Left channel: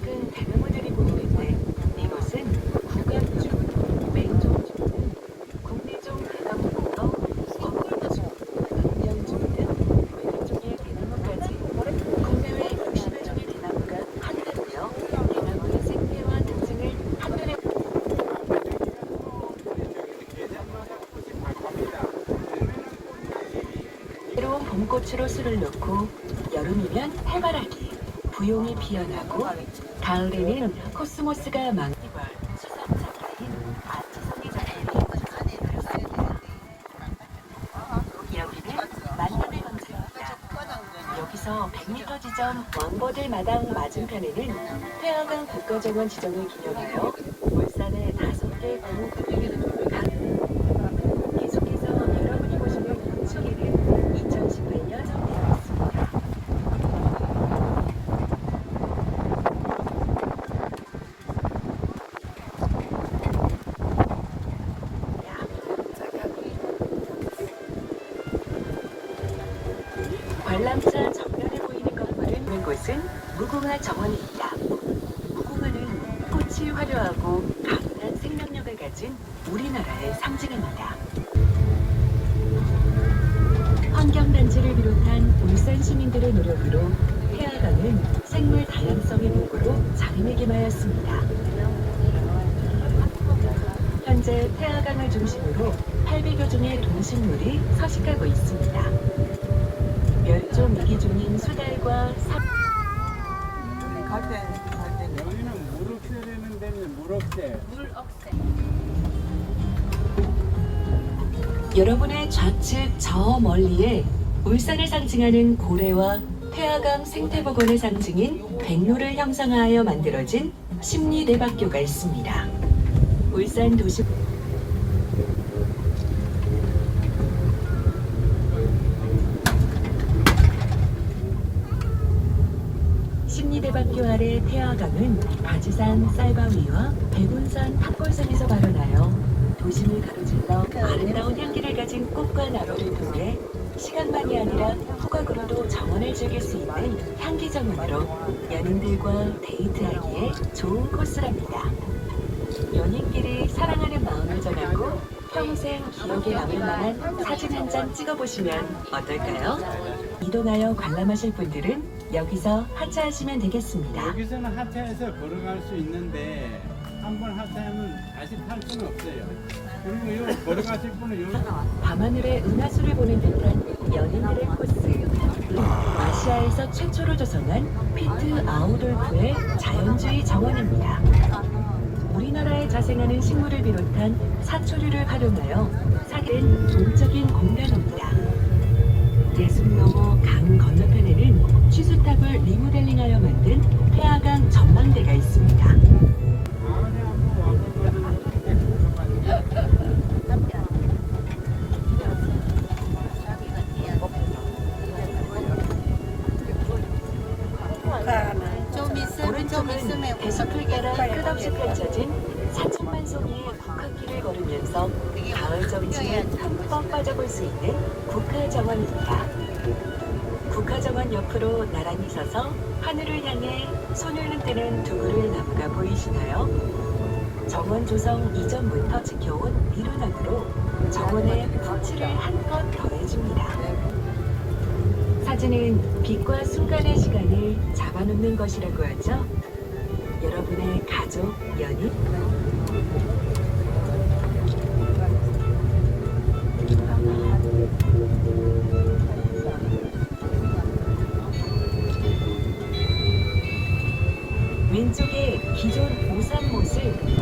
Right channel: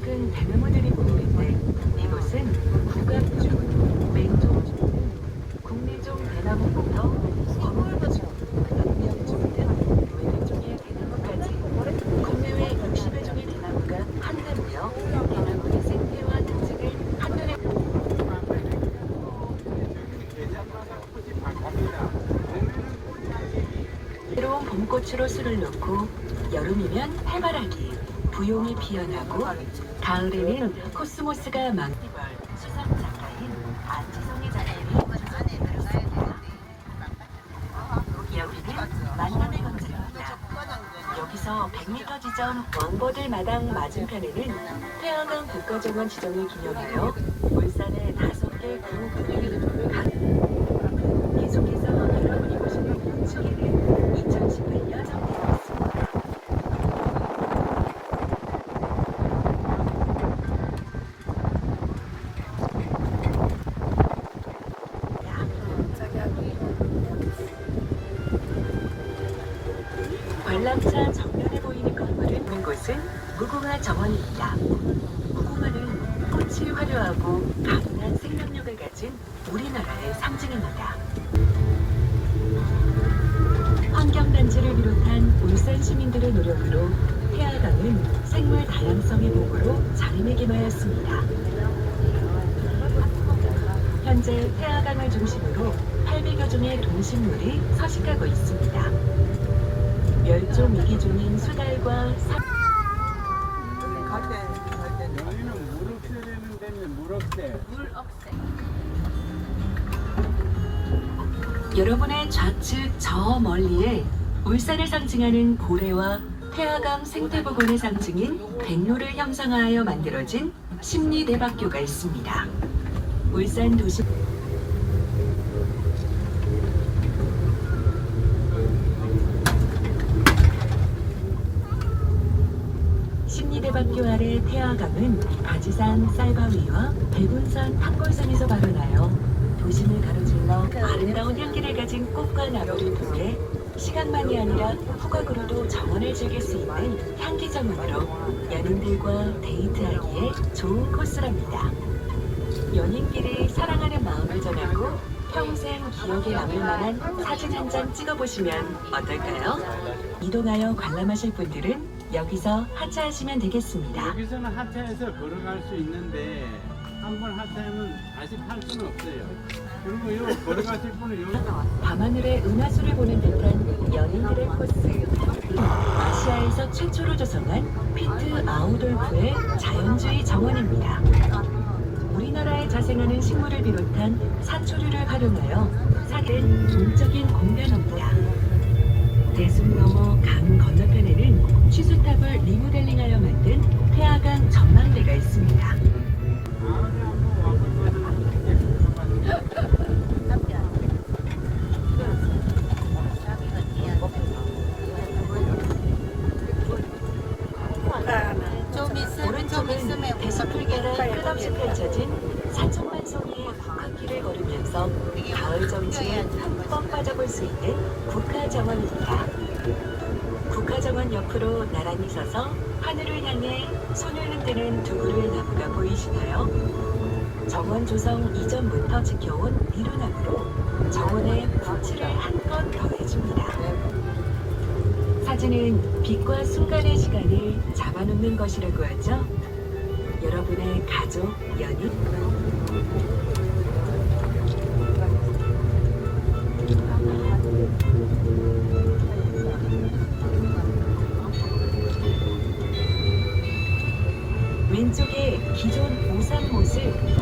작은 대나무들이 보이는데 이곳은 국가기준 맹종주는 국내종 대나무부터 콩골버섯, 연명종 등 고양종의 대나무까지 국내외 60여 종의 대나무가 한데로요. 대나무의 생태와 특징을 한눈에 새로운 봄꽃으로 술을 놓고 여름이면 해바라기, 부용이 피어나고 가을에는 코스모스가 작품이 여기는 만남의 광장입니다. 여기서 100m 지점 왕버들 마당 맞은편에는 태양강 국가정원 지정을 기념하여 울산의 다섯 개구 분위기를 각 계속해서 여러분이 보시는 이쪽에는 2018년 선배였습니다. 관람차 정면에 보이는 건물은 있는 곳은 무궁화 정원입니다. 무궁화는 꽃이 화려하고 가련한 생명력을 가진 우리나라의 상징입니다. 환경단체를 비롯한 울산 시민들의 노력으로 태화강은 생물 다양성의 보고로 자리매김하였습니다. 현재 태화강을 중심으로 800여 종의 동식물이 서식하고 있습니다. 멸종 위기종인 수달과 사... 갈 때, 갈 때. 여기는 물을 되는 데는 물 없대. 여러분의 좌측 저 멀리에 울산을 상징하는 고래와 태화강 생태복원의 상징인 백로를 형상하여 만들어진 심리대박교가 있습니다. 울산 도시 심리대박교 아래 태화강은 가지산 쌀바위와 백운산 탑골산에서 발원하여 도심을 가로질러 아름다운 향기를 가진 꽃과 나무를 통해 시간만이 아니라 후각으로도 정원을 즐길 수 있는 향기 정원으로 연인들과 데이트하기에 좋은 코스랍니다. 연인끼리 사랑하는 마음을 전하고 평생 기억에 남을 만한 사진 한 장 찍어보시면 어떨까요? 이동하여 관람하실 분들은 여기서 하차하시면 되겠습니다. 여기서는 하차해서 걸어갈 수 있는데 한 번 하차하면 다시 탈 수는 없어요. 그리고 요 걸어가실 분은 요 밤하늘의 은하수를 보는 듯한 연인들의 코스. 아시아에서 최초로 조성한 피트 아우돌프의 자연주의 정원입니다. 우리나라에 자생하는 식물을 비롯한 사초류를 활용하여 사기는 동적인 공변입니다. 대숲 너머 강 건너편에는 취수탑을 리모델링하여 만든 태화강 전망대가 있습니다. 좀 있으면 대숲풀계가 끝없이 펼쳐진 사천만 송이의 국화길을 걸으면서 가을 정취에 흠뻑 빠져볼 수 있는 국화정원입니다. 국화정원 옆으로 나란히 서서 하늘을 향해 손을 흔드는 두 그루의 나무가 보이시나요? 정원 조성 이전부터 지켜온 미루나무로 정원의 빛을 한 사진은 빛과 순간의 시간을 잡아놓는 것이라고 하죠. 여러분의 가족, 연인, 왼쪽에 기존 오산못을